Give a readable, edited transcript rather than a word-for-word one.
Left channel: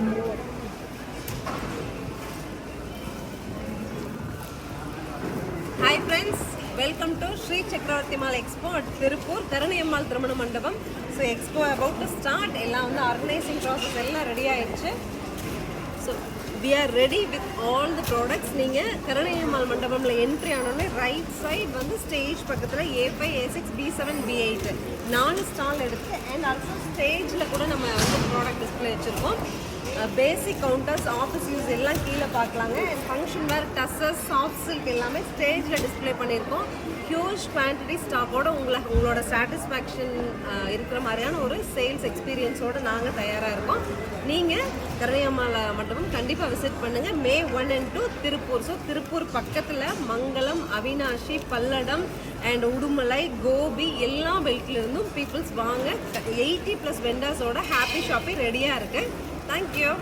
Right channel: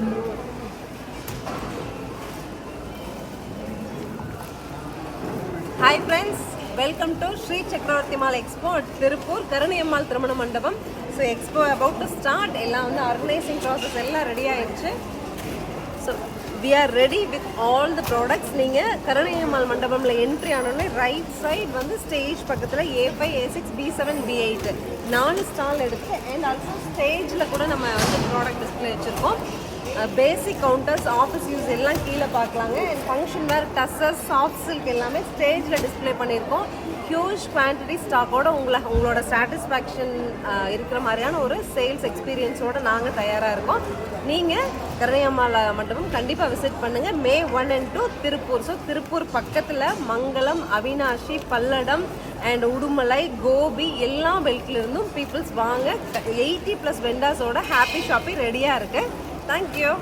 Hi friends, welcome to Sri Chakravarti Mall Expo at Tirupur, Karaniyammal Thirumana Mandapam. So Expo about to start. Ella on the organizing process ella ready ஆயிடுச்சு. So we are ready with all the products. நீங்க Karaniyammal Mandapamல entry ஆனோனே right side வந்து stage பக்கத்துல A5, A6, B7, B8 4 stall எடுத்து and also stageல கூட நம்ம வந்து product display வச்சிருக்கோம். பேசிக் counters office use எல்லாம் கீழே பார்க்கலாங்க. And function wear tussars soft silk எல்லாமே ஸ்டேஜில் டிஸ்பிளே பண்ணியிருக்கோம். ஹியூஜ் குவான்டிட்டி ஸ்டாக்கோட உங்களோட சாட்டிஸ்ஃபேக்ஷன் இருக்கிற மாதிரியான ஒரு சேல்ஸ் எக்ஸ்பீரியன்ஸோடு நாங்கள் தயாராக இருக்கோம். நீங்கள் கரணியம்மாள் மண்டபம் கண்டிப்பாக விசிட் பண்ணுங்கள். May 1 and 2 Tiruppur. So Tiruppur பக்கத்தில் மங்களம், அவினாஷி, பல்லடம் அண்ட் உடுமலை, கோபி எல்லா பெல்ட்லேருந்தும் பீப்புள்ஸ் வாங்க. 80+ வெண்டாஸோட ஹாப்பி ஷாப்பிங் ரெடியாக இருக்குது. Thank you.